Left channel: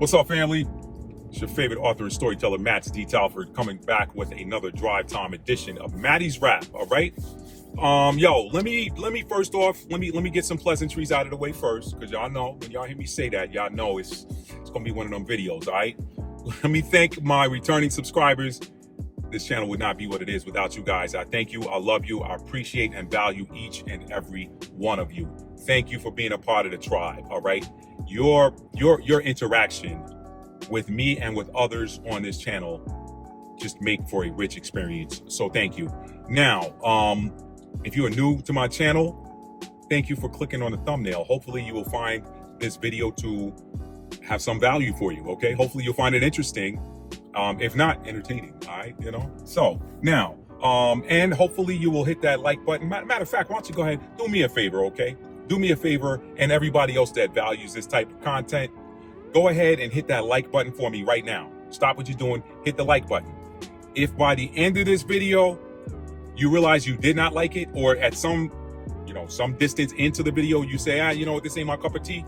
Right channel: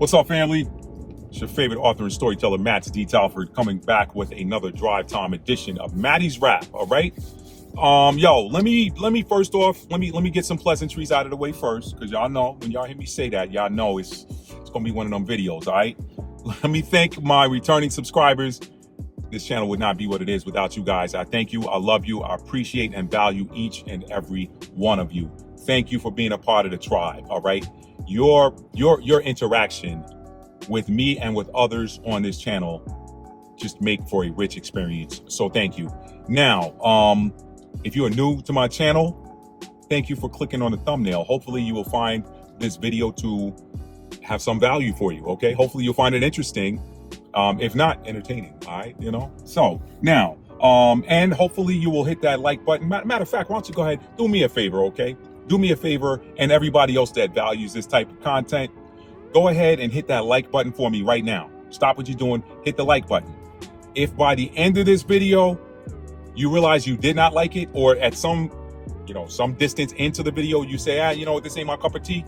What's up, family? It's your favorite author and storyteller, Matt D. Talford, coming back with another drive time edition of Matty's Rap. All right. Let me first off, let me get some pleasantries out of the way first, because y'all know when y'all hear me say that, y'all know it's gonna be one of them videos. All right. Let me thank my returning subscribers. This channel would not be what it is without you guys. I thank you. I love you. I appreciate and value each and every one of you. Thank you for being a part of the tribe. All right. Your interaction with me and with others on this channel just make for a rich experience. So thank you. Now, if you are new to my channel, thank you for clicking on the thumbnail. Hopefully you will find this video to have some value for you. Okay. Hopefully you'll find it interesting. If not, entertaining. All right. So now, and hopefully you will hit that like button. Matter of fact, why don't you go ahead, do me a favor. Okay. Do me a favor, and everybody else that values this type of content, go ahead and hit that like button for me right now. Stop what you're doing, hit the like button. If by the end of this video, you realize you did not like it, or at some distance into the video, you say, this ain't my cup of tea,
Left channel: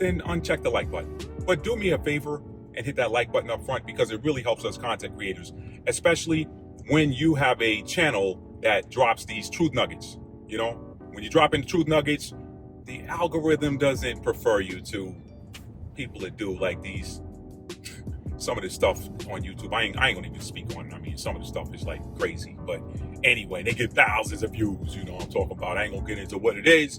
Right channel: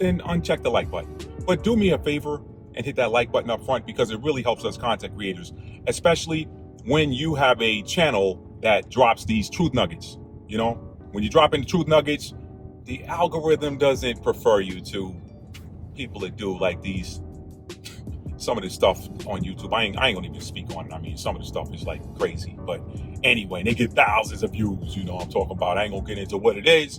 then uncheck the like button. But do me a favor and hit that like button up front, because it really helps us content creators, especially when you have a channel that drops these truth nuggets. When you drop in the truth nuggets, the algorithm doesn't prefer you to people that do like some of this stuff on YouTube. I ain't gonna even speak on it. I mean, some of the stuff is like crazy, but anyway, they get thousands of views. I'm talking about. I ain't gonna get into what it is,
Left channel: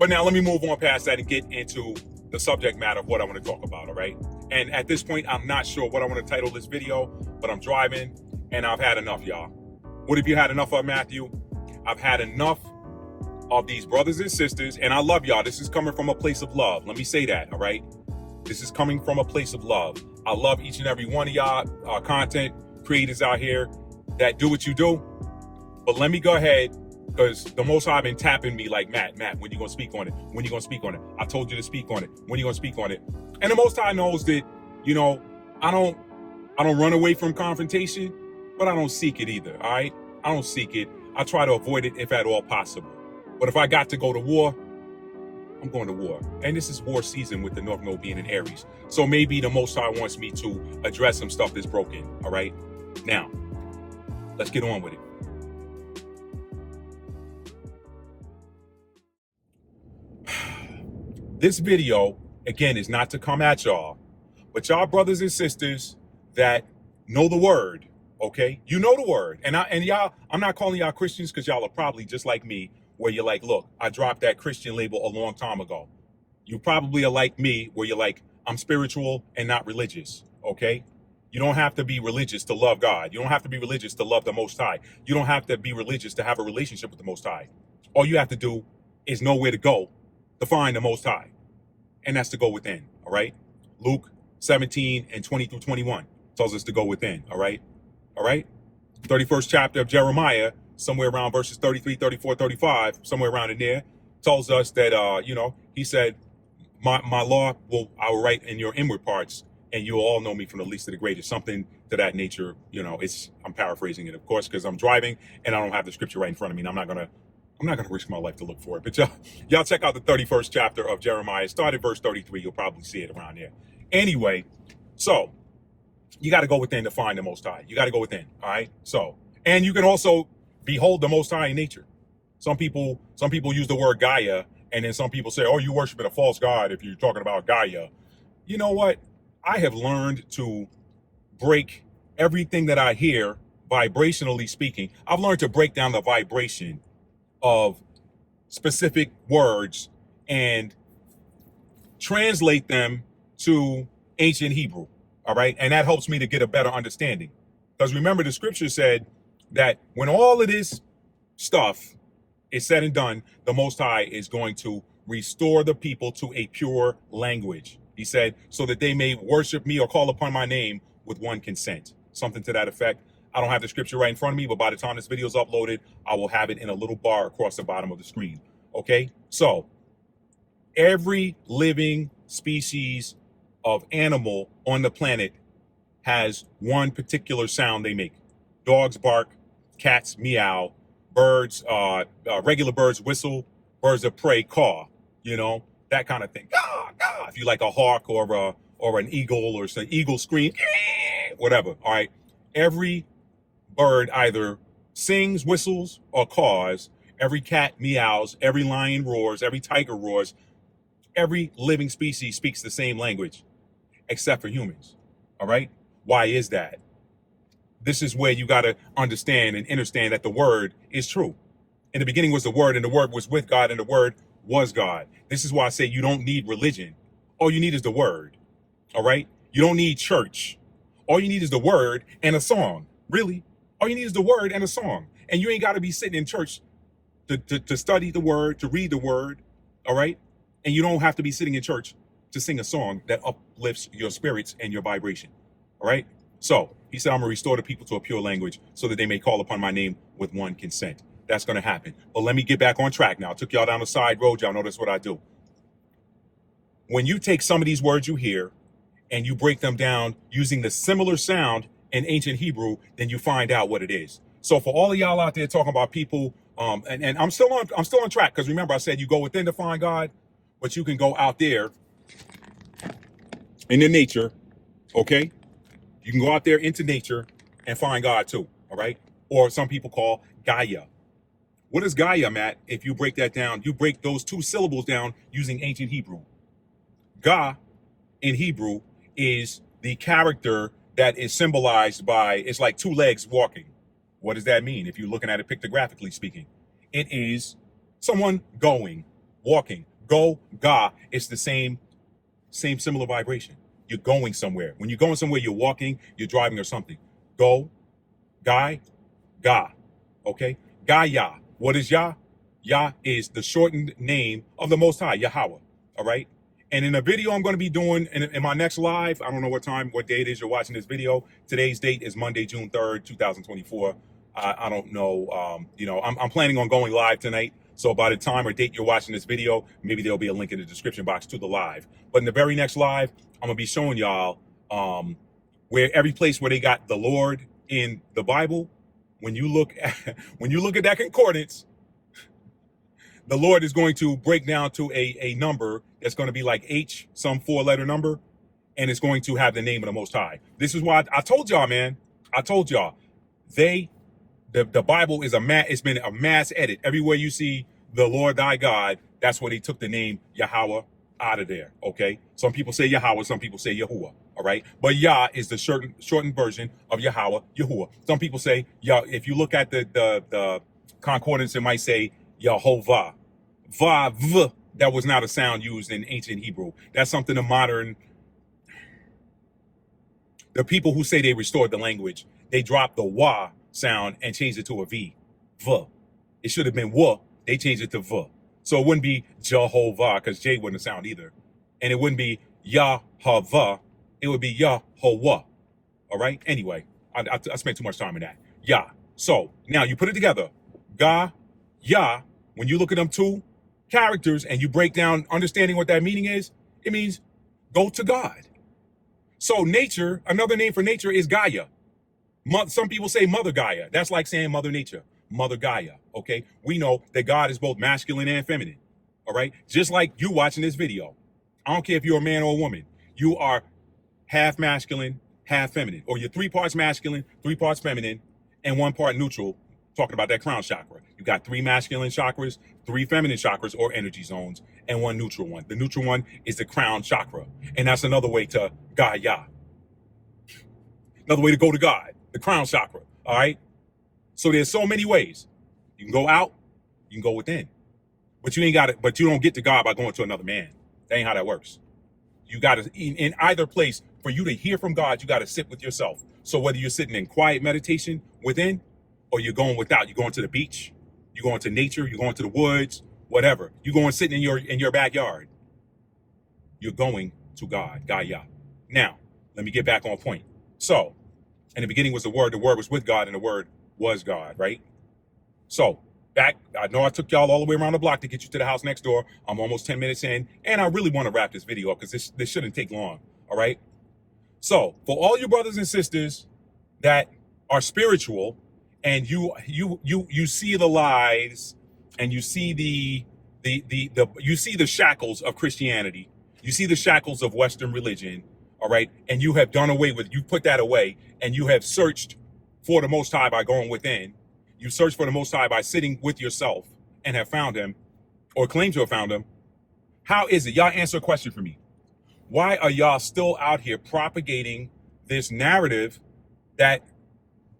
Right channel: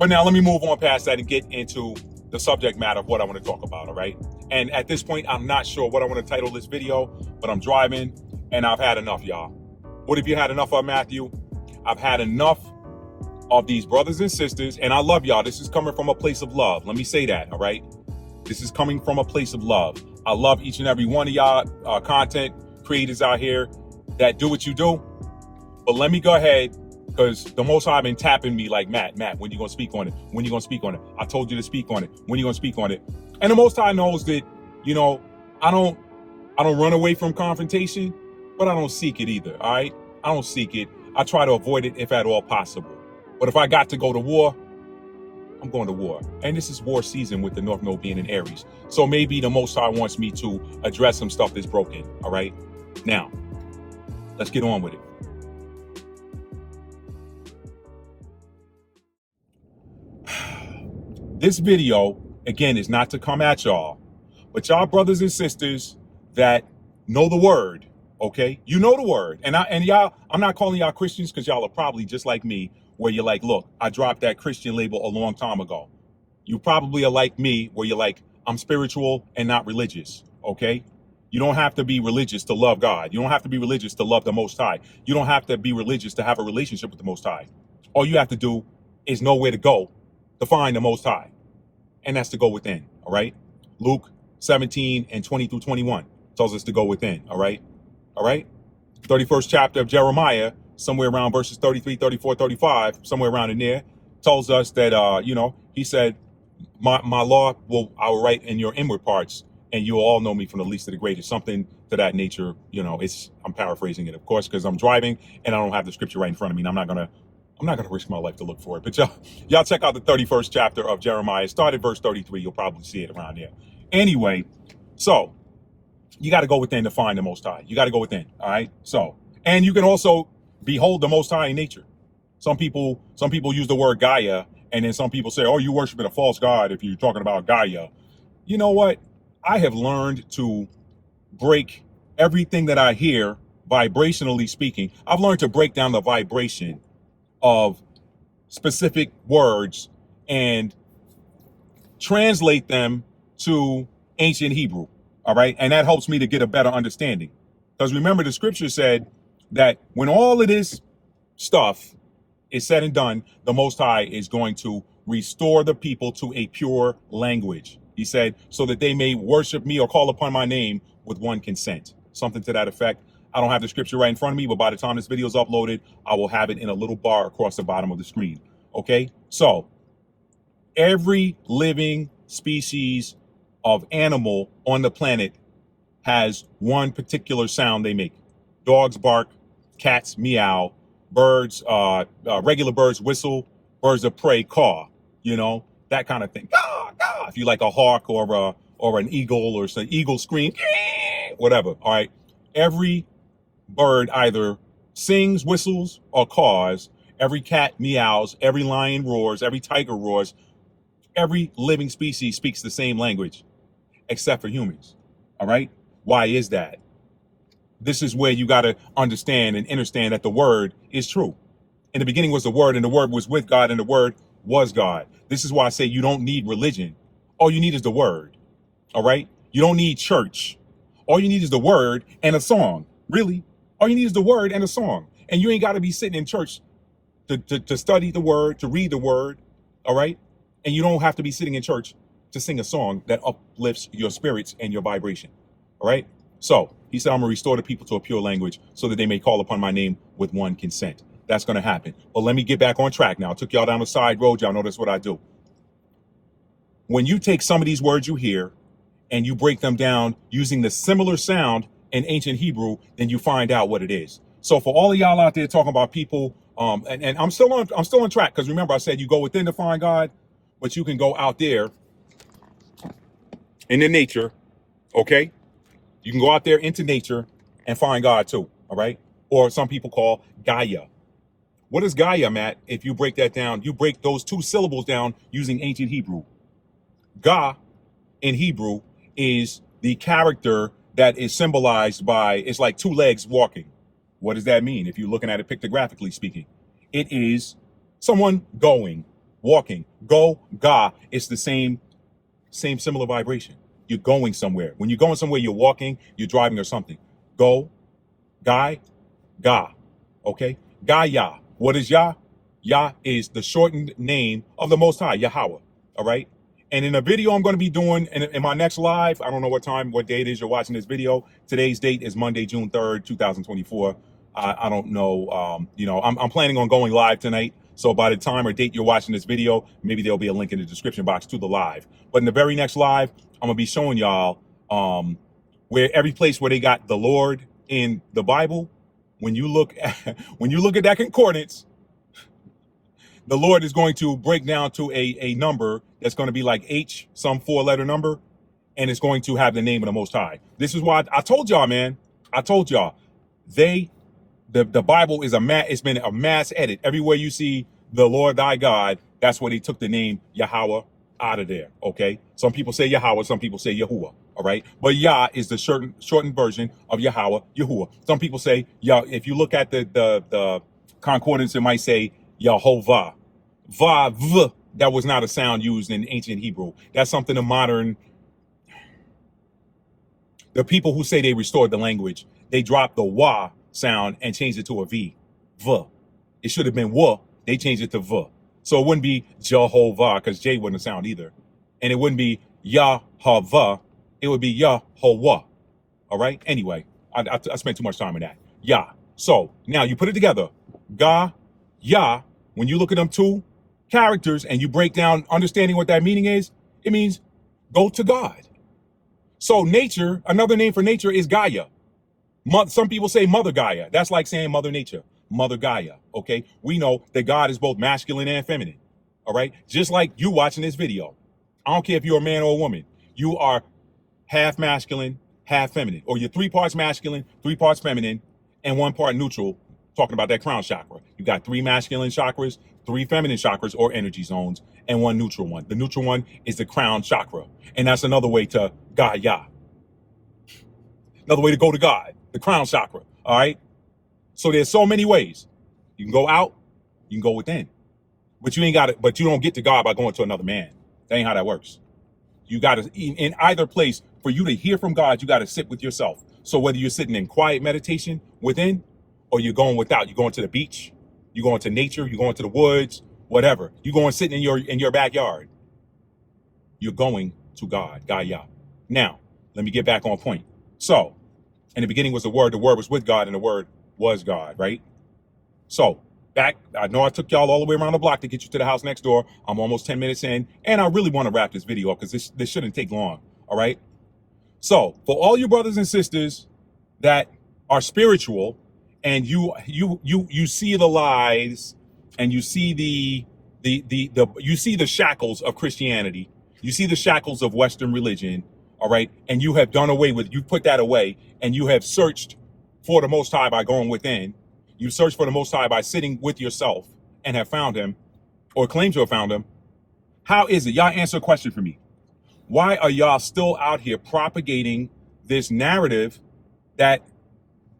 but now let me move on past that and get into the subject matter of what I want to talk about. All right. And at this point, I'm not sure what I want to title this video, but I'm driving and I've had enough, y'all. What have you had enough of, Matthew? I've had enough of these brothers and sisters, and I love y'all. This is coming from a place of love. Let me say that, all right? This is coming from a place of love. I love each and every one of y'all content creators out here that do what you do. But let me go ahead, because the Most High been tapping me like, Matt, when you gonna speak on it? When you gonna speak on it? I told you to speak on it. When you gonna speak on it? And the Most High knows that, I don't run away from confrontation, but I don't seek it either, all right? I don't seek it. I try to avoid it if at all possible. But if I got to go to war, I'm going to war. And this is war season with the North Node being in Aries. So maybe the Most High wants me to address some stuff that's broken, all right? Now, let's get on with it. This video, again, is not to come at y'all, but y'all brothers and sisters that know the word, okay? You know the word. And y'all, I'm not calling y'all Christians, because y'all are probably just like me, where you're like, look, I dropped that Christian label a long time ago. You probably are like me, where you're like, I'm spiritual and not religious, okay? You don't have to be religious to love God. You don't have to be religious to love the Most High. You don't have to be religious to have a relationship with the Most High. All you have to do is know where to go to find the Most High. And that's to go within, all right? Luke 17 and 20 through 21 tells us to go within, all right? All right? 31st chapter of Jeremiah, somewhere around verses 33, 34, 35, somewhere around in there, tells us that, he said, my law I will write in your inward parts, and you will all know me from the least to the greatest, something to that nature. I'm paraphrasing it, of course, because I'm driving and I don't have the scripture right in front of me, and I'm not gonna risk my life to look for it. But y'all check out the 31st chapter of Jeremiah. Start at verse 33. You'll probably see it around there. Anyway, so you got to go within to find the Most High. You got to go within, all right? So, and you can also behold the Most High in nature. Some people use the word Gaia, and then some people say, oh, you worshiping a false god if you're talking about Gaia. You know what? I have learned to break everything that I hear, vibrationally speaking. I've learned to break down the vibration of specific words and translate them to ancient Hebrew, all right? And that helps me to get a better understanding. Because remember, the scripture said that when all of this stuff is said and done, the Most High is going to restore the people to a pure language. He said, so that they may worship me or call upon my name with one consent. Something to that effect. I don't have the scripture right in front of me, but by the time this video is uploaded, I will have it in a little bar across the bottom of the screen. Okay? So, every living species of animal on the planet has one particular sound they make. Dogs bark, cats meow, birds, regular birds whistle, birds of prey caw, that kind of thing. Caw, caw. If you like a hawk or or an eagle, or some eagle scream, whatever. All right. Every bird either sings, whistles, or caws. Every cat meows. Every lion roars. Every tiger roars. Every living species speaks the same language, except for humans. All right. Why is that? This is where you got to understand and understand that the word is true. In the beginning was the word, and the word was with God, and the word was God. This is why I say you don't need religion. All you need is the word. All right. You don't need church. All you need is the word and a song. Really. All you need is the word and a song. And you ain't got to be sitting in church to study the word, to read the word. All right. And you don't have to be sitting in church to sing a song that uplifts your spirits and your vibration. All right. So he said, I'm going to restore the people to a pure language so that they may call upon my name with one consent. That's going to happen. But let me get back on track now. I took y'all down the side road. Y'all know that's what I do. When you take some of these words you hear and you break them down using the similar sound in ancient Hebrew, then you find out what it is. So for all of y'all out there talking about people, and I'm still on track, because remember I said you go within to find God, but you can go out there in the nature, okay? You can go out there into nature and find God too, all right? Or some people call Gaia. What is Gaia, Matt? If you break that down, you break those two syllables down using ancient Hebrew. Ga in Hebrew is the character that is symbolized by, it's like two legs walking. What does that mean? If you're looking at it pictographically speaking, it is someone going, walking. Go, Ga. It's the same similar vibration. You're going somewhere. When you're going somewhere, you're walking, you're driving or something. Go, Guy, Ga. Okay? Gaia. What is Yah? Yah is the shortened name of the Most High, Yahweh. All right? And in a video I'm going to be doing in my next live, I don't know what day it is you're watching this video. Today's date is Monday, June 3rd, 2024. I don't know. I'm planning on going live tonight. So by the time or date you're watching this video, maybe there'll be a link in the description box to the live. But in the very next live, I'm going to be showing y'all where every place where they got the Lord in the Bible, when you look at that concordance, the Lord is going to break down to a number that's going to be like H, some 4-letter number, and it's going to have the name of the Most High. This is why I told y'all, man. I told y'all, the Bible is it's been a mass edit. Everywhere you see the Lord thy God, that's where they took the name Yahweh out of there. Okay, some people say Yahweh, some people say Yahuwah. All right, but Yah is the shortened version of Yahweh, Yahuwah. Some people say Yah. If you look at the concordance, it might say Yehovah. Va, that was not a sound used in ancient Hebrew. That's something the people who say they restored the language, they dropped the wa sound and changed it to a V. V. It should have been wa. They changed it to V. So it wouldn't be Jehovah, because J wouldn't sound either. And it wouldn't be Yahweh. It would be Yahweh. All right? Anyway, I spent too much time in that. Yah. So now you put it together. Ga, Yah. When you look at them two characters and you break down understanding what that meaning is, it means go to God. So nature, another name for nature is Gaia. Some people say Mother Gaia. That's like saying Mother Nature, Mother Gaia. Okay, we know that God is both masculine and feminine. All right, just like you watching this video. I don't care if you're a man or a woman. You are half masculine, half feminine, or you're 3 parts masculine, 3 parts feminine, and 1 part neutral. Talking about that crown chakra. You got 3 masculine chakras, 3 feminine chakras or energy zones, and 1 neutral one. The neutral one is the crown chakra. And that's another way to Gaia. Another way to go to God, the crown chakra. All right. So there's so many ways. You can go out, you can go within. But you don't get to God by going to another man. That ain't how that works. You got to, in either place, for you to hear from God, you got to sit with yourself. So whether you're sitting in quiet meditation within, or you're going without, you're going to the beach, you're going to nature, you're going to the woods, whatever. You're going sitting in your backyard. You're going to God, Gaia. Now, let me get back on point. So, in the beginning was the word was with God, and the word was God, right? So, I know I took y'all all the way around the block to get you to the house next door. I'm almost 10 minutes in, and I really want to wrap this video up because this shouldn't take long, all right? So, for all you brothers and sisters that are spiritual, and you see the lies, and you see you see the shackles of Christianity, you see the shackles of Western religion, all right, and you have done away with, you put that away, and you have searched for the Most High by going within. You searched for the Most High by sitting with yourself and have found him, or claim to have found him. How is it? Y'all answer a question for me. Why are y'all still out here propagating this narrative that,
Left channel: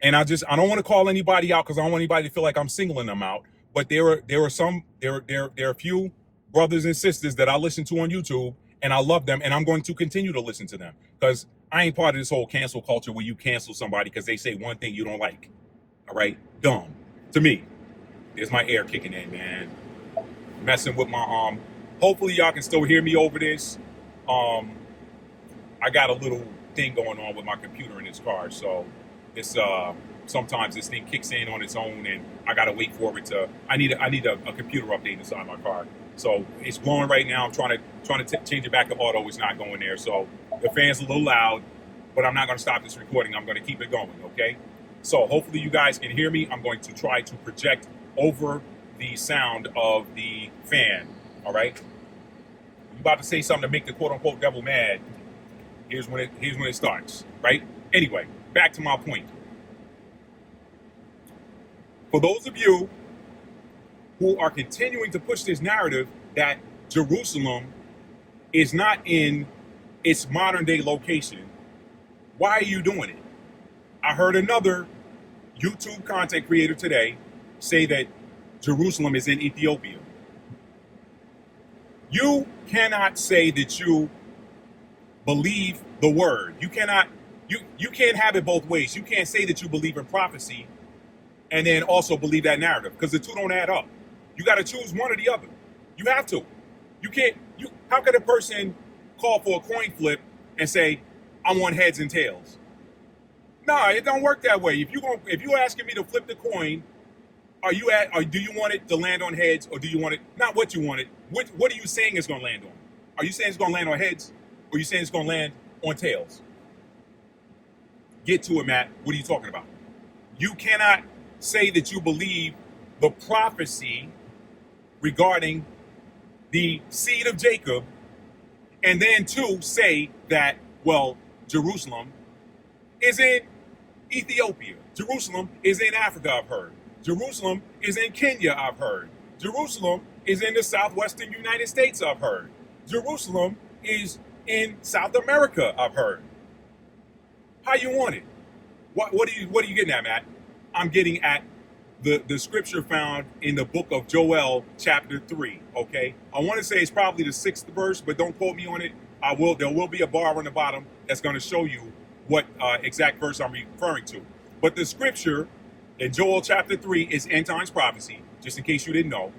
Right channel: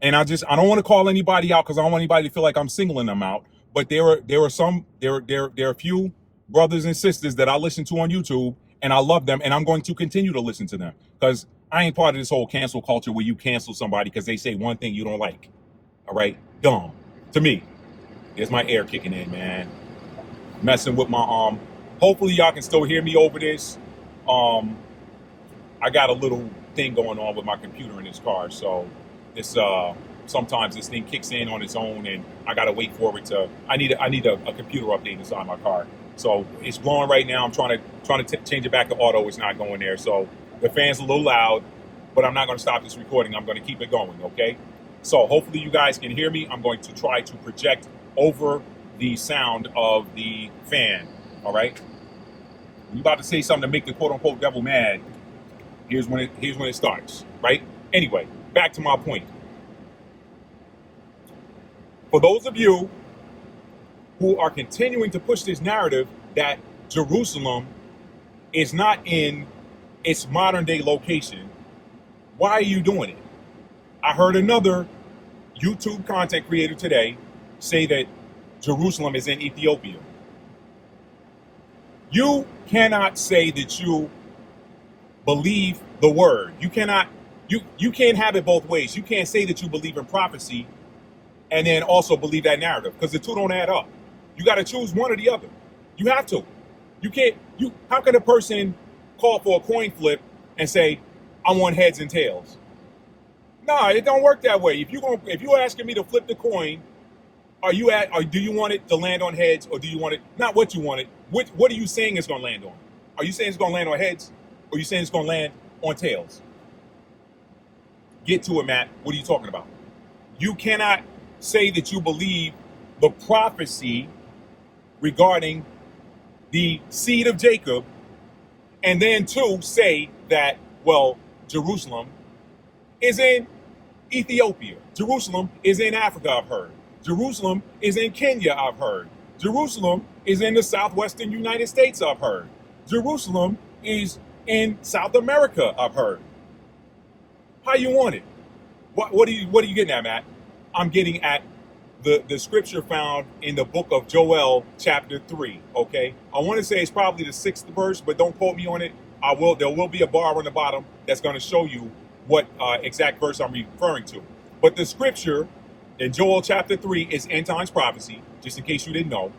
and I don't want to call anybody out because I don't want anybody to feel like I'm singling them out, but there are a few brothers and sisters that I listen to on YouTube, and I love them, and I'm going to continue to listen to them because I ain't part of this whole cancel culture where you cancel somebody because they say one thing you don't like. All right? Dumb. To me. There's my air kicking in, man. Messing with my hopefully y'all can still hear me over this. I got a little thing going on with my computer in this car, so it's sometimes this thing kicks in on its own, and I gotta wait for it to. I need a computer update inside my car, so it's blowing right now. I'm trying to change it back to auto. It's not going there, so the fan's a little loud, but I'm not gonna stop this recording. I'm gonna keep it going, okay? So hopefully you guys can hear me. I'm going to try to project over the sound of the fan. All right. When you're about to say something to make the quote unquote devil mad, here's when it starts, right? Anyway, back to my point. For those of you who are continuing to push this narrative that Jerusalem is not in its modern day location, why are you doing it? I heard another YouTube content creator today say that Jerusalem is in Ethiopia. You cannot say that you believe the word. You can't have it both ways. You can't say that you believe in prophecy and then also believe that narrative, because the two don't add up. You got to choose one or the other. You have to. You can't. How can a person call for a coin flip and say, "I want heads and tails"? No, it don't work that way. If you're asking me to flip the coin, or do you want it to land on heads, or do you want it not what you want it? What are you saying it's going to land on? Are you saying it's going to land on heads, or are you saying it's going to land on tails? Get to it, Matt. What are you talking about? You cannot say that you believe the prophecy regarding the seed of Jacob, and then say that, well, Jerusalem is in Ethiopia. Jerusalem is in Africa, I've heard. Jerusalem is in Kenya, I've heard. Jerusalem is in the southwestern United States, I've heard. Jerusalem is in South America, I've heard. How you want it? What are you getting at, Matt? I'm getting at the scripture found in the book of Joel, chapter 3. Okay, I want to say it's probably the 6th verse, but don't quote me on it. There will be a bar on the bottom that's going to show you what exact verse I'm referring to. But the scripture in Joel chapter 3 is end times prophecy, just in case you didn't know.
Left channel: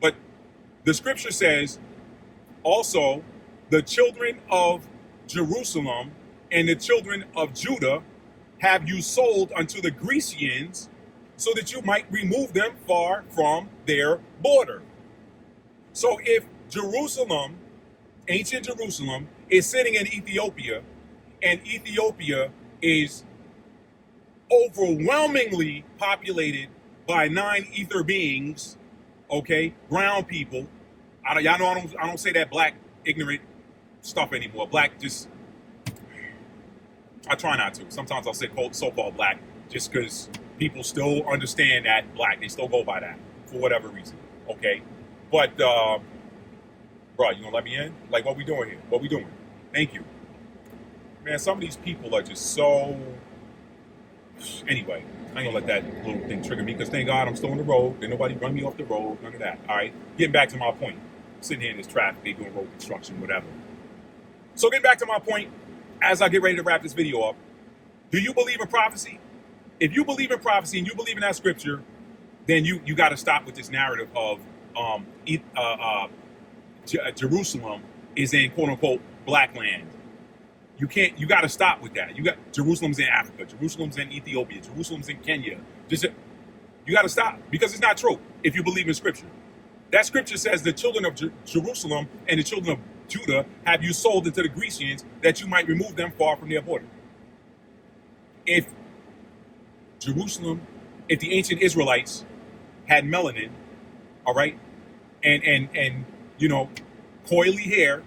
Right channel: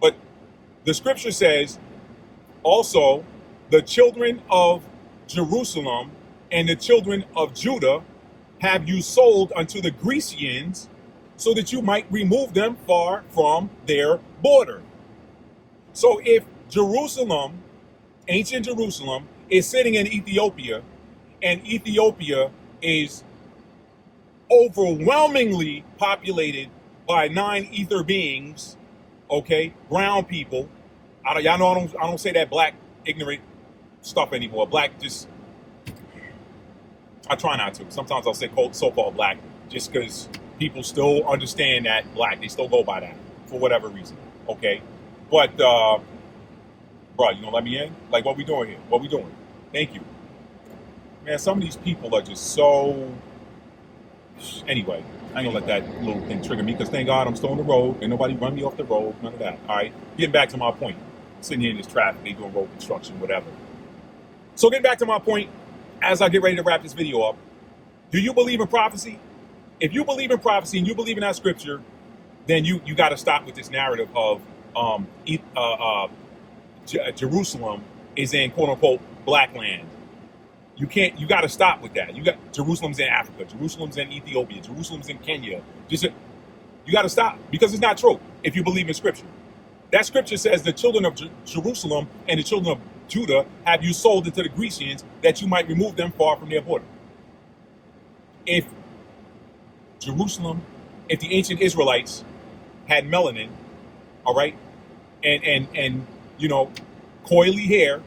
But the scripture says, also, the children of Jerusalem and the children of Judah have you sold unto the Grecians, so that you might remove them far from their border. So if Jerusalem, ancient Jerusalem, is sitting in Ethiopia, and Ethiopia is overwhelmingly populated by 9 ether beings, okay, brown people. Y'all know I don't say that black ignorant stuff anymore. Black I try not to. Sometimes I'll say so-called black just because people still understand that black. They still go by that for whatever reason, okay? But, bro, you gonna let me in? Like, what we doing here? What we doing? Thank you. Man, some of these people are just so... Anyway, I ain't gonna let that little thing trigger me, because thank God I'm still on the road and nobody run me off the road, none of that, all right? Getting back to my point. Sitting here in this traffic, they doing road construction, whatever. So getting back to my point, as I get ready to wrap this video up, do you believe in prophecy? If you believe in prophecy and you believe in that scripture, then you got to stop with this narrative of Jerusalem is in quote unquote black land. You got to stop with that. Jerusalem's in Africa, Jerusalem's in Ethiopia, Jerusalem's in Kenya. You got to stop, because it's not true if you believe in scripture. That scripture says the children of Jerusalem and the children of Judah have you sold into the Grecians, that you might remove them far from their border. If the ancient Israelites had melanin, all right, and coily hair,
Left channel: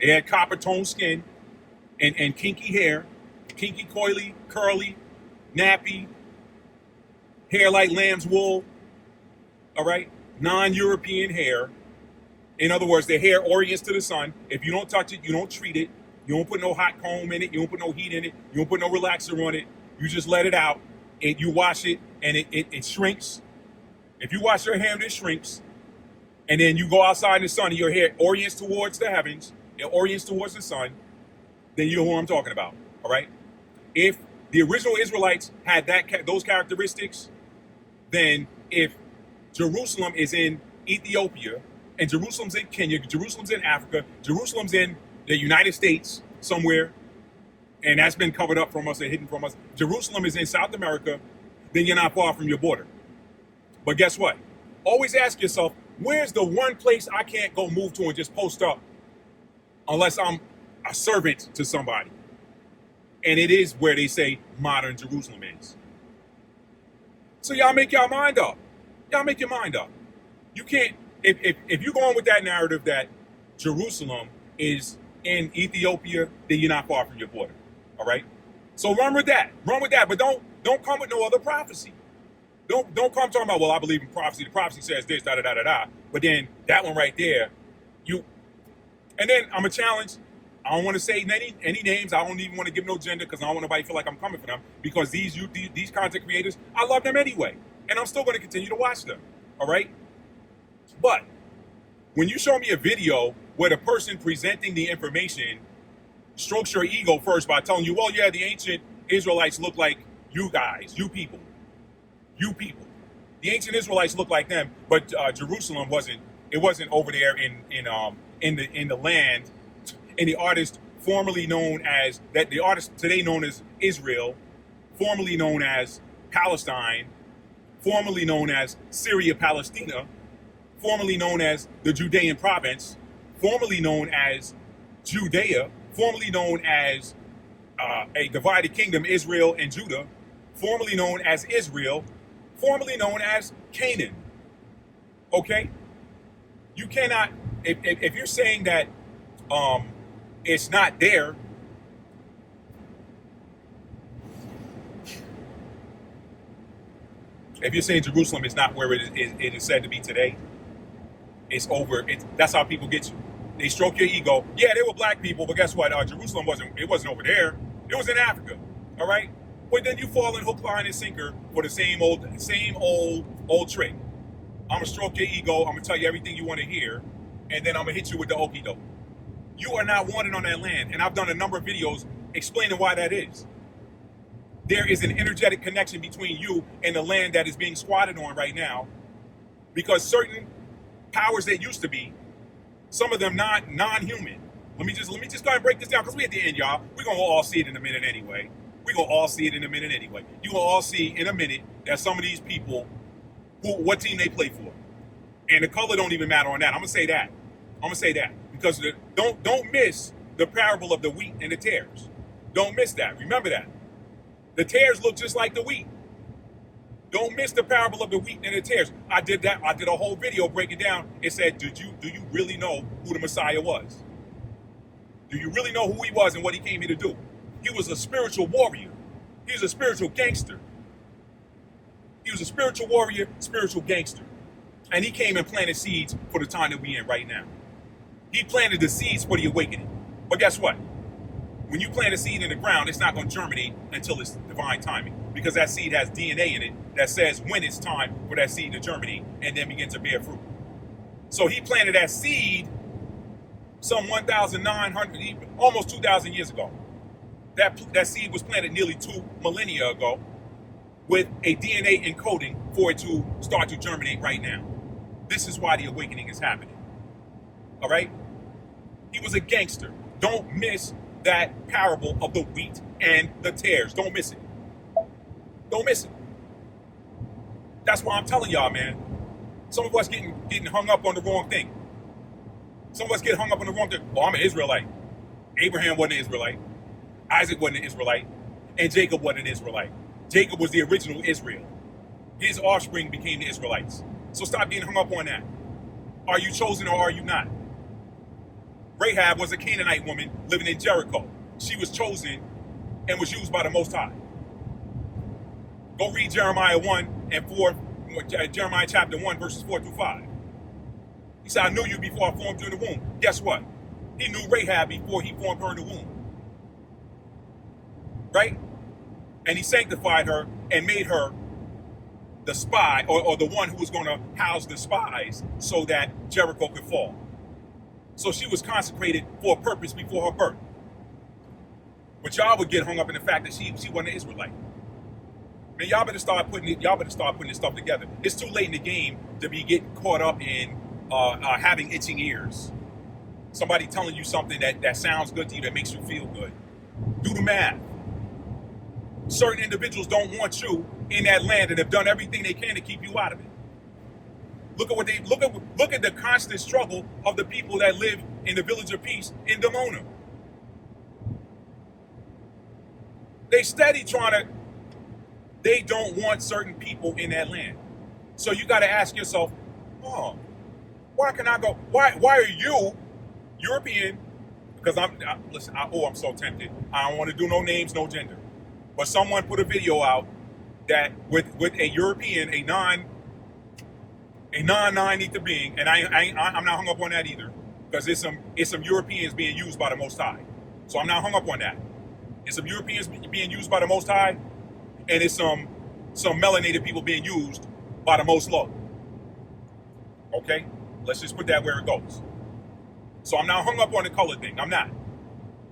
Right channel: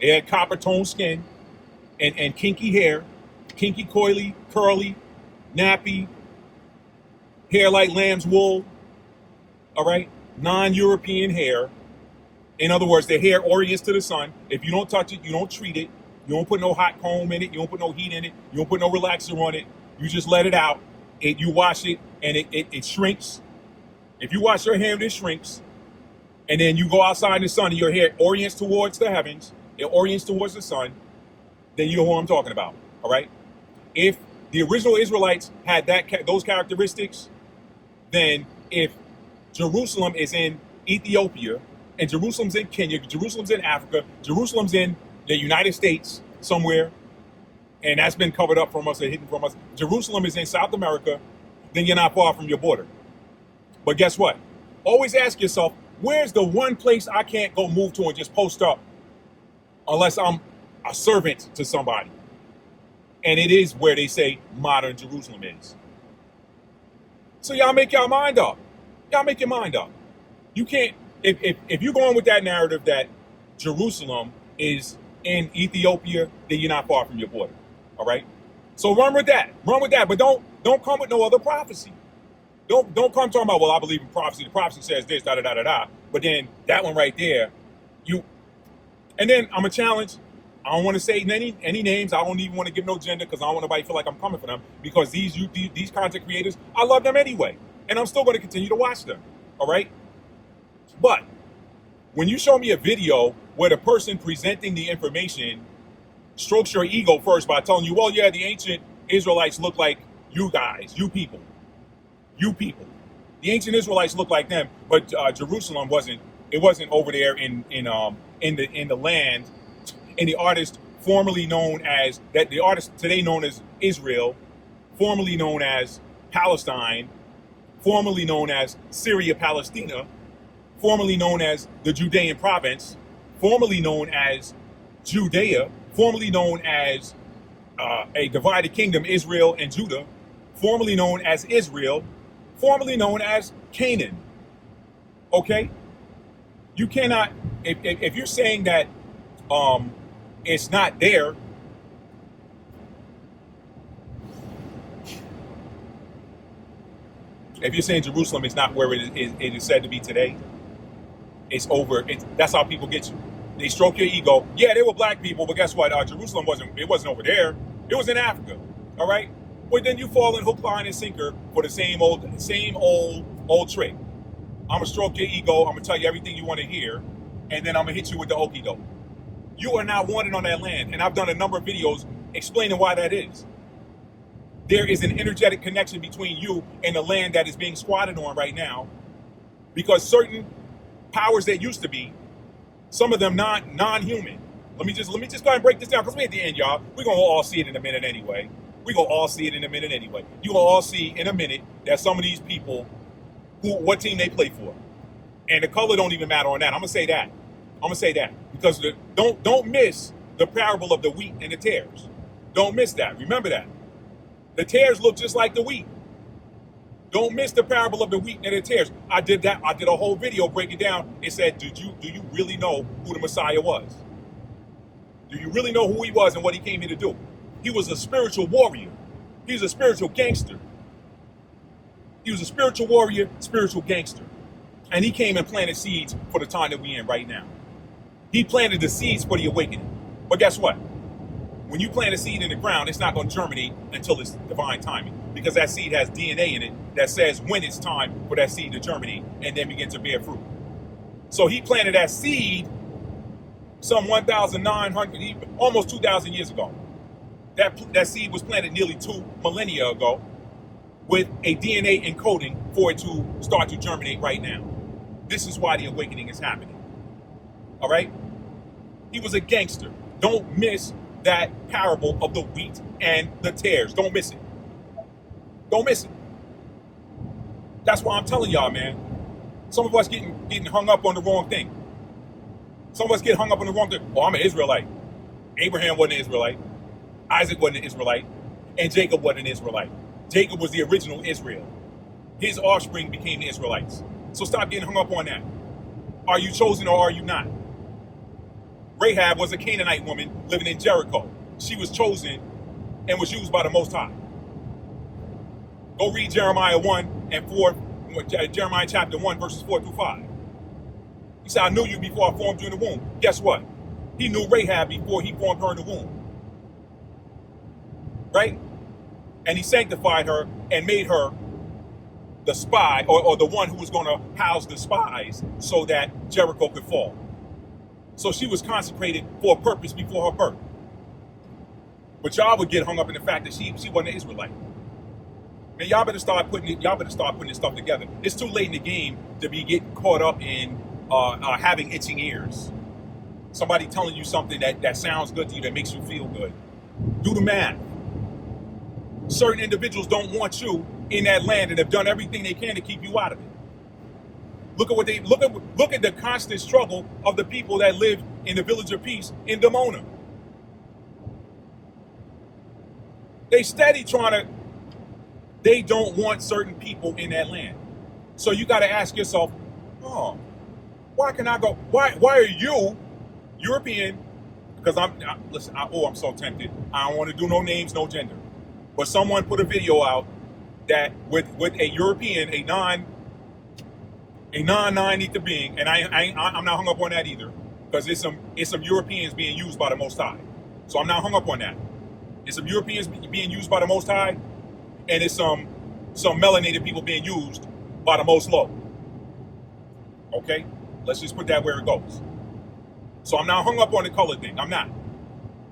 they had copper toned skin, and kinky hair, kinky, coily, curly, nappy, hair like lamb's wool, all right? Non-European hair. In other words, their hair orients to the sun. If you don't touch it, you don't treat it. You don't put no hot comb in it. You don't put no heat in it. You don't put no relaxer on it. You just let it out. You wash it, and it shrinks. If you wash your hair, it shrinks. And then you go outside in the sun, and your hair orients towards the heavens. It orients towards the sun. Then you know what I'm talking about, all right? If the original Israelites had those characteristics, then if Jerusalem is in Ethiopia, and Jerusalem's in Kenya, Jerusalem's in Africa, Jerusalem's in the United States somewhere, and that's been covered up from us and hidden from us. Jerusalem is in South America, then you're not far from your border. But guess what? Always ask yourself, where's the one place I can't go move to and just post up unless I'm a servant to somebody? And it is where they say modern Jerusalem is. So y'all make your mind up. Y'all make your mind up. You can't, if you're going with that narrative that Jerusalem is in Ethiopia, then you're not far from your border. All right? So run with that. Run with that. But don't come with no other prophecy. Don't come talking about, well, I believe in prophecy. The prophecy says this, da da da da da. But then that one right there, and then I'm a challenge. I don't want to say any names. I don't even want to give no gender because I don't want nobody to feel like I'm coming for them. Because these content creators, I love them anyway. And I'm still going to continue to watch them. All right? But when you show me a video where the person presenting the information strokes your ego first by telling you, well, yeah, the ancient Israelites look like you guys, you people. The ancient Israelites look like them, but Jerusalem wasn't. It wasn't over there in the land. And the artist formerly known as that, the artist today known as Israel, formerly known as Palestine, formerly known as Syria, Palestina, formerly known as the Judean province, formerly known as Judea, formerly known as a divided kingdom, Israel and Judah, formerly known as Israel, formerly known as Canaan. Okay? You cannot, if you're saying that it's not there, if you're saying Jerusalem is not where it is said to be today, it's over. That's how people get you. They stroke your ego. Yeah, they were black people, but guess what? Jerusalem wasn't over there. It was in Africa. All right? Well, then you fall in hook, line, and sinker for the same old trick. I'm gonna stroke your ego. I'm gonna tell you everything you want to hear, and then I'm gonna hit you with the okie doke. You are not wanted on that land, and I've done a number of videos explaining why that is. There is an energetic connection between you and the land that is being squatted on right now, because certain powers that used to be, some of them non-human. Let me just go ahead and break this down, because we're at the end, y'all. We're gonna all see it in a minute anyway. You're gonna all see in a minute that some of these people, what team they play for, and the color don't even matter on that. I'm gonna say that because don't miss the parable of the wheat and the tares. Don't miss that. Remember that. The tares look just like the wheat. Don't miss the parable of the wheat and the tares. I did that. I did a whole video breaking down. It said, do you really know who the Messiah was? Do you really know who he was and what he came here to do? He was a spiritual warrior. He was a spiritual gangster. He was a spiritual warrior, spiritual gangster. And he came and planted seeds for the time that we're in right now. He planted the seeds for the awakening. But guess what? When you plant a seed in the ground, it's not going to germinate until it's divine timing, because that seed has DNA in it that says when it's time for that seed to germinate and then begin to bear fruit. So he planted that seed some 1,900, almost 2,000 years ago. That seed was planted nearly 2 millennia ago with a DNA encoding for it to start to germinate right now. This is why the awakening is happening. All right? He was a gangster. Don't miss that parable of the wheat and the tares. Don't miss it. Don't miss it. That's why I'm telling y'all, man. Some of us getting hung up on the wrong thing. Some of us get hung up on the wrong thing. Oh, I'm an Israelite. Abraham wasn't an Israelite. Isaac wasn't an Israelite. And Jacob wasn't an Israelite. Jacob was the original Israel. His offspring became the Israelites. So stop getting hung up on that. Are you chosen or are you not? Rahab was a Canaanite woman living in Jericho. she was chosen and was used by the Most High. Go read Jeremiah 1 and 4, Jeremiah chapter 1, verses 4 through 5. He said, I knew you before I formed you in the womb. Guess what? He knew Rahab before he formed her in the womb. Right? And he sanctified her and made her the spy, or the one who was going to house the spies so that Jericho could fall. So she was consecrated for a purpose before her birth. But y'all would get hung up in the fact that she wasn't an Israelite. Man, y'all better start putting this stuff together. It's too late in the game to be getting caught up in having itching ears. Somebody telling you something that sounds good to you, that makes you feel good. Do the math. Certain individuals don't want you in that land and have done everything they can to keep you out of it. Look at the constant struggle of the people that live in the Village of Peace in Dimona. They don't want certain people in that land. So you got to ask yourself, why can I go? Why are you European? Because I'm so tempted. I don't want to do no names, no gender. But someone put a video out that with a European, a non-ether being, and I'm not hung up on that either, because it's some Europeans being used by the Most High. So I'm not hung up on that. It's some Europeans being used by the Most High, and it's some melanated people being used by the Most Low. Okay? Let's just put that where it goes. So I'm not hung up on the color thing. I'm not.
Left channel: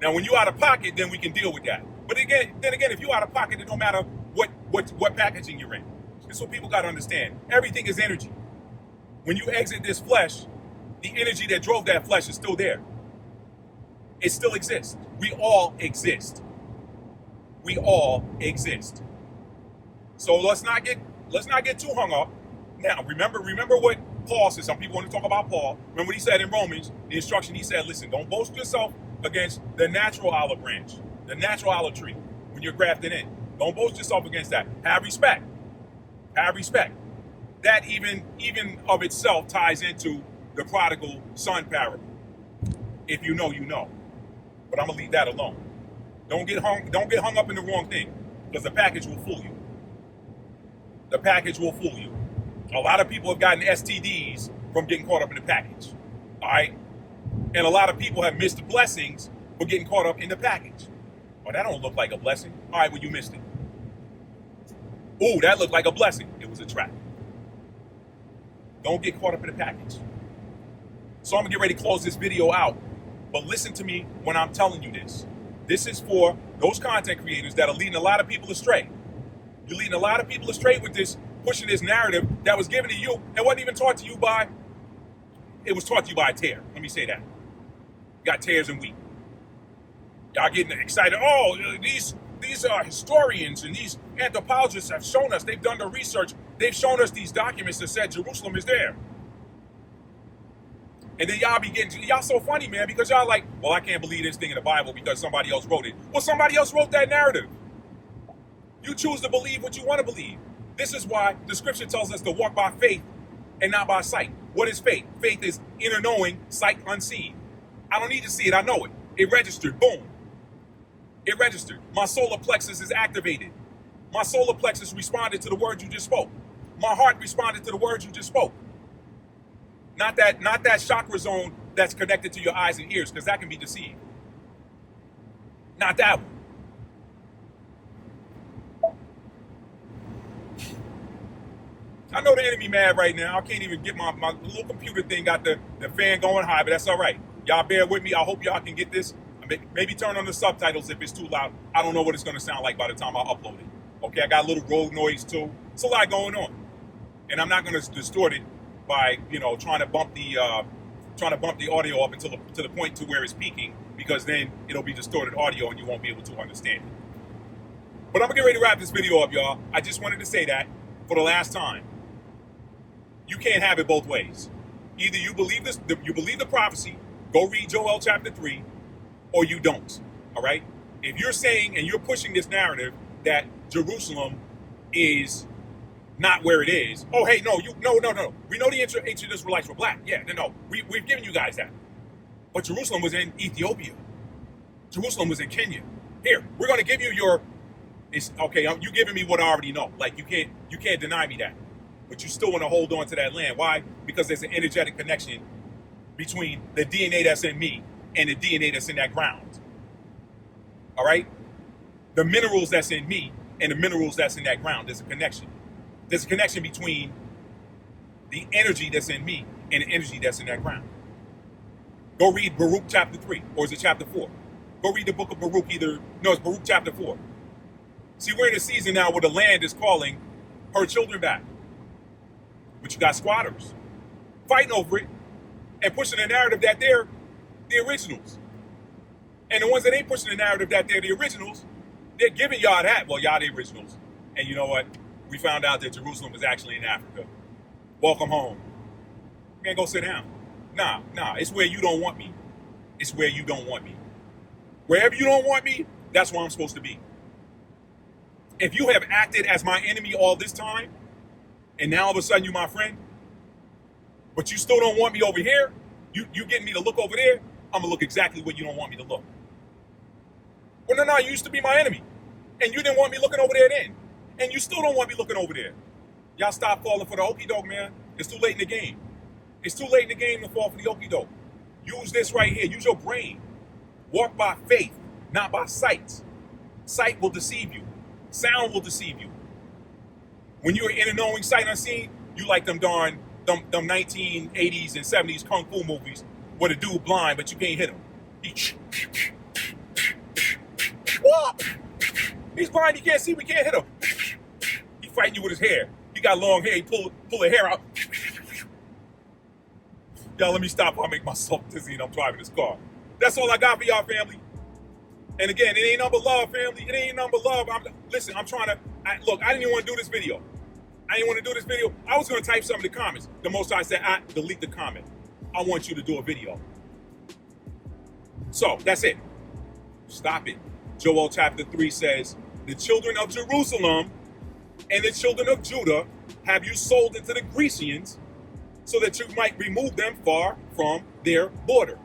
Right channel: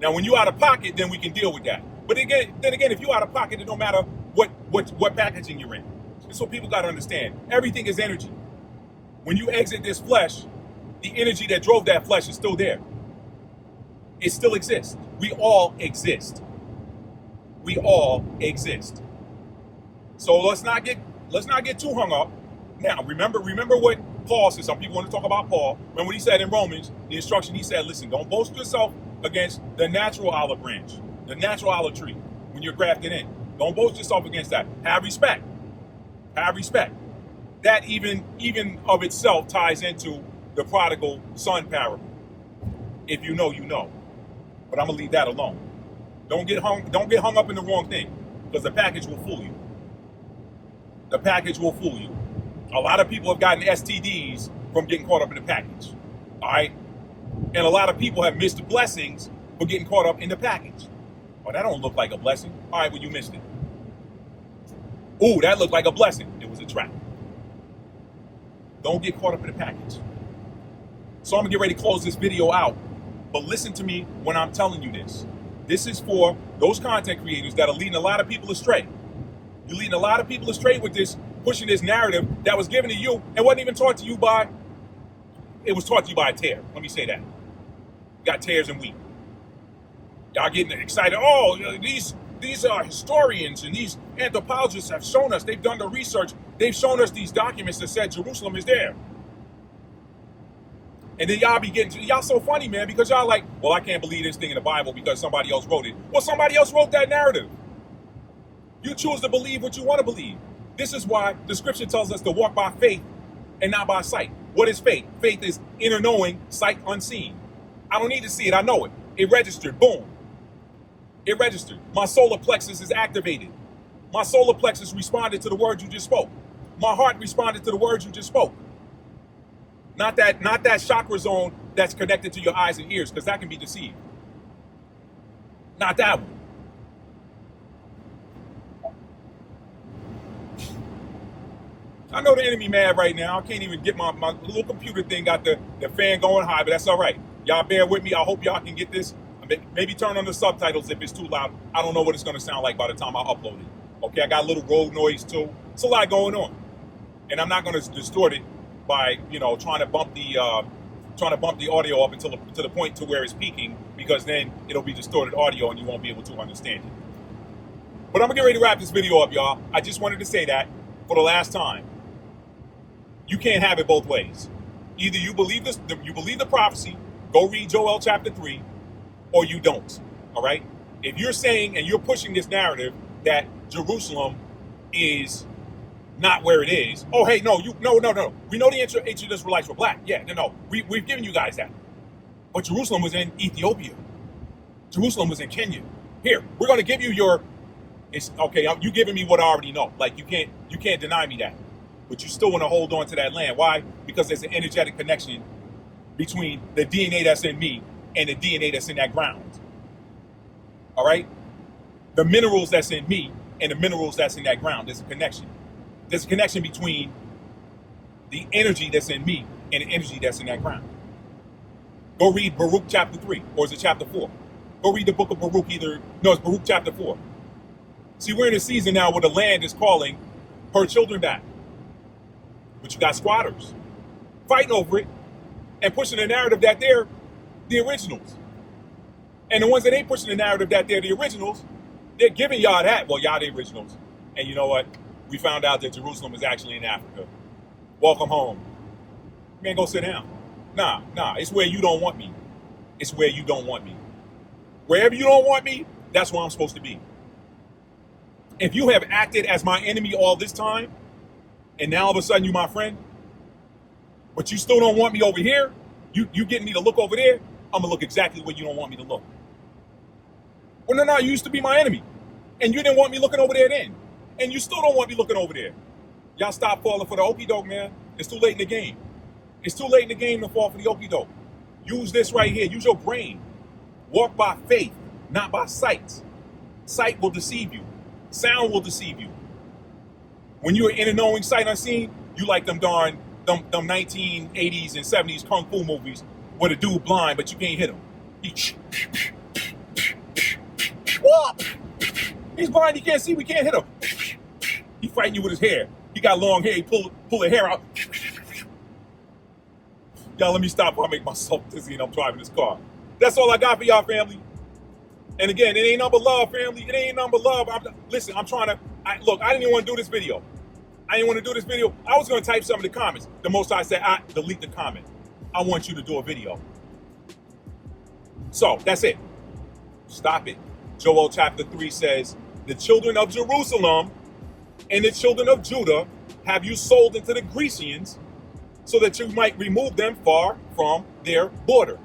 Now, when you out of pocket, then we can deal with that. But then again, if you out of pocket, it don't matter what packaging you're in. That's what people got to understand. Everything is energy. When you exit this flesh, the energy that drove that flesh is still there. It still exists. We all exist. We all exist. So let's not get too hung up. Now, remember what Paul said. Some people want to talk about Paul. Remember what he said in Romans, the instruction he said, listen, don't boast yourself against the natural olive branch, the natural olive tree, when you're grafted in. Don't boast yourself against that. Have respect. Have respect. That even of itself ties into the prodigal son parable. If you know, you know. But I'm gonna leave that alone. Don't get hung up in the wrong thing, because the package will fool you. The package will fool you. A lot of people have gotten STDs from getting caught up in the package. All right? And a lot of people have missed the blessings for getting caught up in the package. Oh, that don't look like a blessing. All right, well, you missed it. Ooh, that looked like a blessing. It was a trap. Don't get caught up in the package. So I'm going to get ready to close this video out. But listen to me when I'm telling you this. This is for those content creators that are leading a lot of people astray. You're leading a lot of people astray with this, pushing this narrative that was given to you and wasn't even taught to you by, it was taught to you by a tear. Let me say that. You got tares and wheat. Y'all getting excited. Oh, these historians and these anthropologists have shown us, they've done the research, they've shown us these documents that said Jerusalem is there. And then y'all so funny, man, because y'all like, well, I can't believe this thing in the Bible because somebody else wrote it. Well, somebody else wrote that narrative. You choose to believe what you want to believe. This is why the scripture tells us to walk by faith and not by sight. What is faith? Faith is inner knowing, sight unseen. I don't need to see it, I know it. It registered, boom. It registered. My solar plexus is activated. My solar plexus responded to the words you just spoke. My heart responded to the words you just spoke. Not that chakra zone that's connected to your eyes and ears, because that can be deceived. Not that one. I know the enemy mad right now. I can't even get my little computer thing, got the fan going high, but that's all right. Y'all bear with me. I hope y'all can get this. Maybe turn on the subtitles if it's too loud. I don't know what it's going to sound like by the time I upload it. Okay, I got a little road noise too. It's a lot going on. And I'm not going to distort it by, trying to bump the audio up until to the point to where it's peaking, because then it'll be distorted audio and you won't be able to understand it. But I'm going to get ready to wrap this video up, y'all. I just wanted to say that for the last time. You can't have it both ways. Either you believe the prophecy, go read Joel chapter 3, or you don't. All right? If you're saying and you're pushing this narrative that Jerusalem is not where it is, oh hey, no. We know the ancient Israelites were black. Yeah, no. We've given you guys that. But Jerusalem was in Ethiopia. Jerusalem was in Kenya. Here, we're going to give you your. It's okay. You giving me what I already know. Like you can't deny me that. But you still want to hold on to that land. Why? Because there's an energetic connection between the DNA that's in me and the DNA that's in that ground. All right? The minerals that's in me and the minerals that's in that ground. There's a connection. There's a connection between the energy that's in me and the energy that's in that ground. Go read Baruch chapter 3, or is it chapter 4? Go read the book of Baruch it's Baruch chapter 4. See, we're in a season now where the land is calling her children back. But you got squatters fighting over it and pushing the narrative that they're the originals. And the ones that ain't pushing the narrative that they're the originals, they're giving y'all that. Well, y'all the originals. And you know what? We found out that Jerusalem is actually in Africa. Welcome home. Man, go sit down. Nah, it's where you don't want me. It's where you don't want me. Wherever you don't want me, that's where I'm supposed to be. If you have acted as my enemy all this time, and now all of a sudden you my friend, but you still don't want me over here, you getting me to look over there, I'm gonna look exactly where you don't want me to look. Well, no, you used to be my enemy, and you didn't want me looking over there then, and you still don't want me looking over there. Y'all stop falling for the okie doke, man. It's too late in the game. It's too late in the game to fall for the okie doke. Use this right here. Use your brain. Walk by faith, not by sight. Sight will deceive you. Sound will deceive you. When you're in a knowing sight unseen, you like them 1980s and 70s kung fu movies where the dude blind, but you can't hit him. He's blind, he can't see, we can't hit him. He fighting you with his hair. He got long hair, he pull the hair out. Y'all, let me stop before I make myself dizzy and I'm driving this car. That's all I got for y'all, family. And again, it ain't number love, family. It ain't number love. Listen, I didn't even want to do this video. I was going to type some of the comments. The Most High said, delete the comment. I want you to do a video. So, that's it. Stop it. Joel chapter 3 says, the children of Jerusalem and the children of Judah have you sold into the Grecians so that you might remove them far from their border.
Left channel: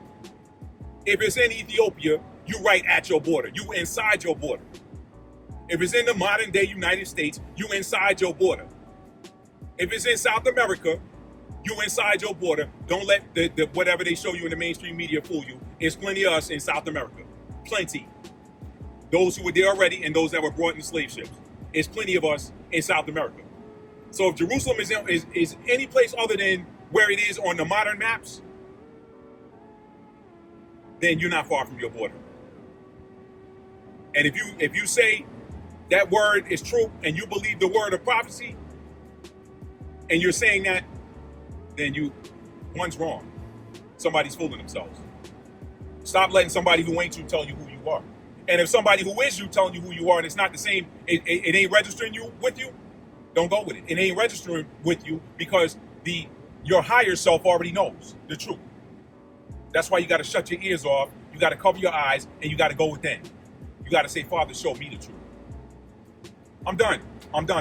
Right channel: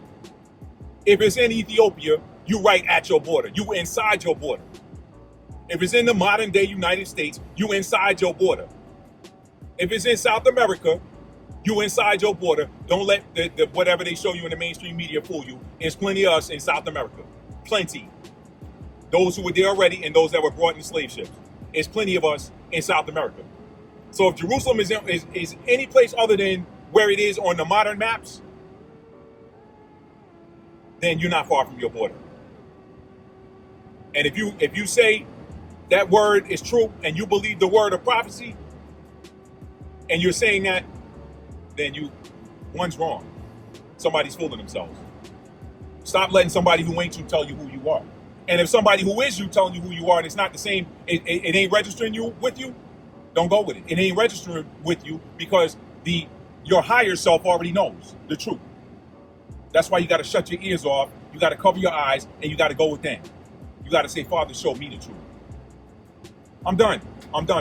If it's in Ethiopia, you right at your border. You inside your border. If it's in the modern day United States, you inside your border. If it's in South America, you inside your border. Don't let the whatever they show you in the mainstream media fool you. There's plenty of us in South America. Plenty. Those who were there already and those that were brought in slave ships. There's plenty of us in South America. So if Jerusalem is any place other than where it is on the modern maps, then you're not far from your border. And if you say that word is true and you believe the word of prophecy, and you're saying that, then one's wrong. Somebody's fooling themselves. Stop letting somebody who ain't you tell you who you are. And if somebody who is you telling you who you are and it's not the same, it ain't registering with you, don't go with it. It ain't registering with you because your higher self already knows the truth. That's why you got to shut your ears off. You got to cover your eyes and you got to go within. You got to say, Father, show me the truth. I'm done,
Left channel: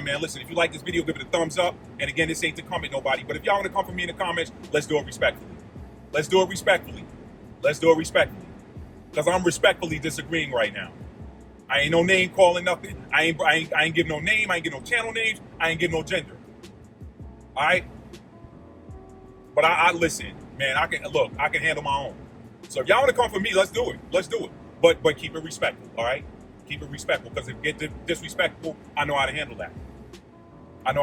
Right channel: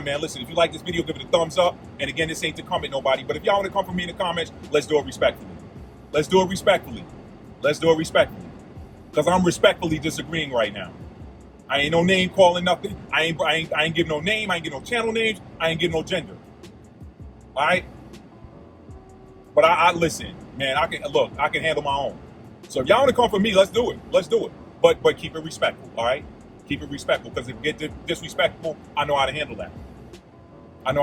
man. Listen, if you like this video, give it a thumbs up. And again, this ain't to come at nobody. But if y'all want to come for me in the comments, let's do it respectfully. Because I'm respectfully disagreeing right now. I ain't no name calling nothing. I ain't give no name. I ain't give no channel names. I ain't give no gender. All right? But I listen, man, I can handle my own. So if y'all want to come for me, let's do it. But keep it respectful, all right? Keep it respectful, because if it gets disrespectful, I know how to handle that. All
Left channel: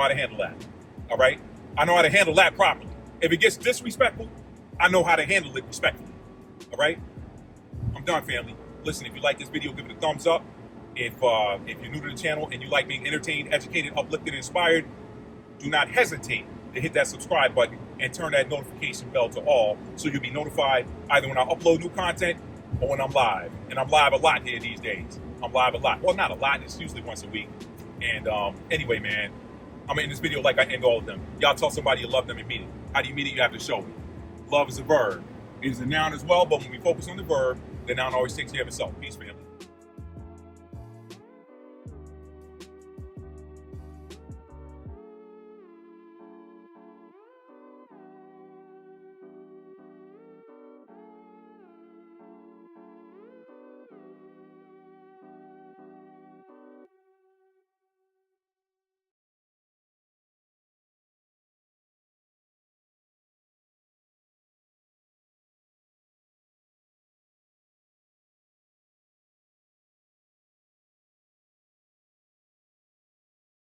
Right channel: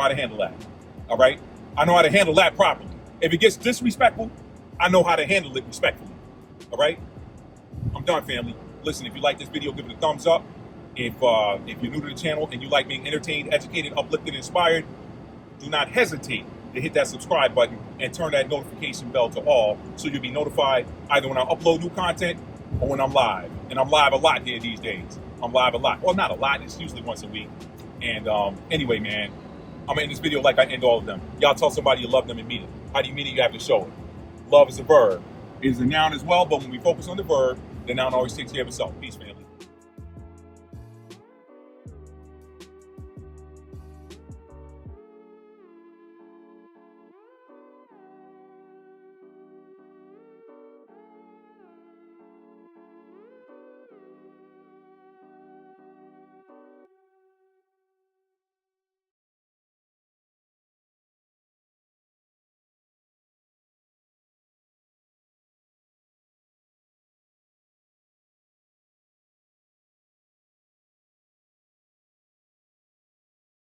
right? I know how to handle that properly. If it gets disrespectful, I know how to handle it respectfully. All right? I'm done, family. Listen, if you like this video, give it a thumbs up. If you're new to the channel and you like being entertained, educated, uplifted, and inspired, do not hesitate to hit that subscribe button and turn that notification bell to all so you'll be notified either when I upload new content or when I'm live. And I'm live a lot here these days. I'm live a lot. Well, not a lot. It's usually once a week. And anyway, man, I'm going to end this video like I end all of them. Y'all tell somebody you love them and mean it. How do you mean it? You have to show it. Love is a verb. It is a noun as well, but when we focus on the verb, the noun always takes care of itself. Peace, family.